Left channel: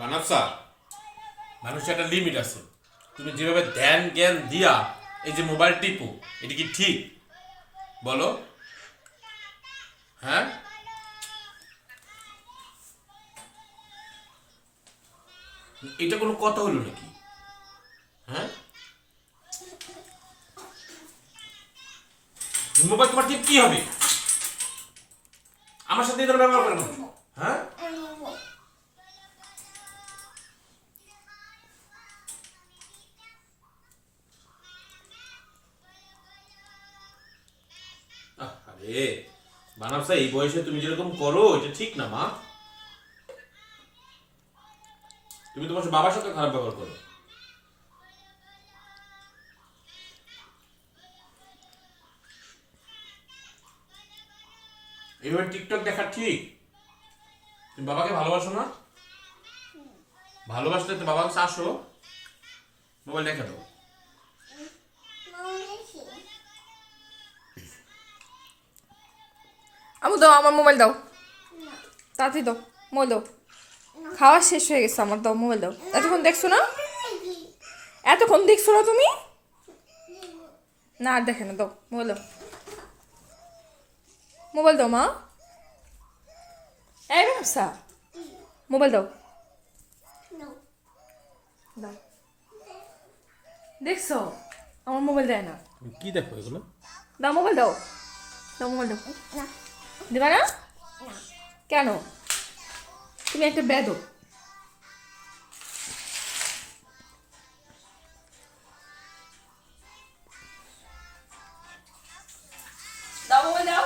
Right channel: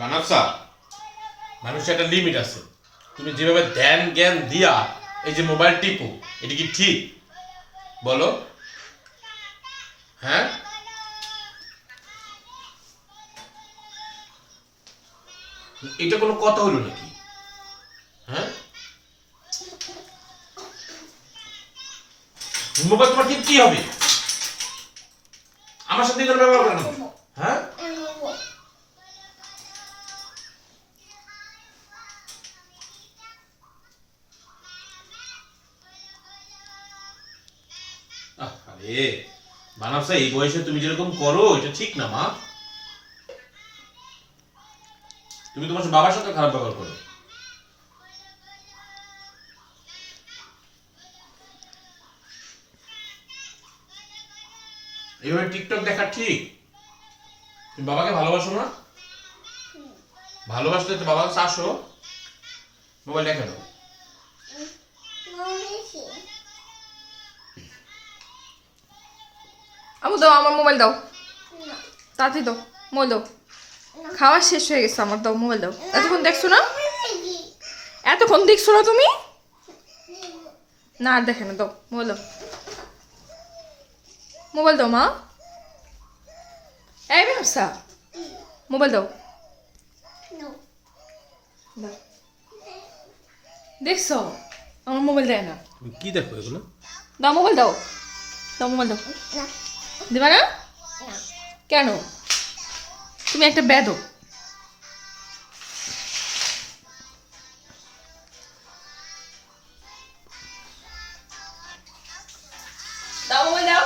মানবসা, মানুষের একটা লিমিট আছে। তুমি যেভাবে ধ্যান জ্ঞান দিয়া এই যে মোবাইল টিপো, এটা কি ঠিক বলো? হ্যাঁ, এটা কোনো কথা হলো নাকি? হ্যাঁ, মোবাইল তোমার ঠিক কি হবে? আমার সাথে এখানে ব্যবহার করেন? হ্যাঁ, আরে মানবসা, এই বয়সে তুমি যেরকম করো এটা ঠিক না মা। তুমি তোমার বাবার সাথে খারাপ ব্যবহার করো। এইভাবে টিকটক দেখা ঠিক? তুমি বাবাকে ভালোবাসো না? ভালোবাসলে তো বাবার কাছে আসো, মোবাইল দেখে দাও। আমি দাও, আমার মোবাইল দাও, তাড়াতাড়ি দাও, মোবাইল দাও। খাওয়া শেষ হয়ে গেছে আমার, দাও মোবাইল দাও। এতক্ষণ দেখছো না? এতক্ষণ দেখছো না তুমি? না আর দেখে না, দাও মোবাইল দাও। মোবাইল দাও মা। এই ব্যবসা, মোবাইল দাও। দাও। দেখছো আমার মোবাইল দেয় না। তুমি কি দেখো এগুলো? দাও মোবাইল দাও, দাও মোবাইল দাও। দেবে না কেন? তুমি একটা বেদো। দাও মোবাইল দাও।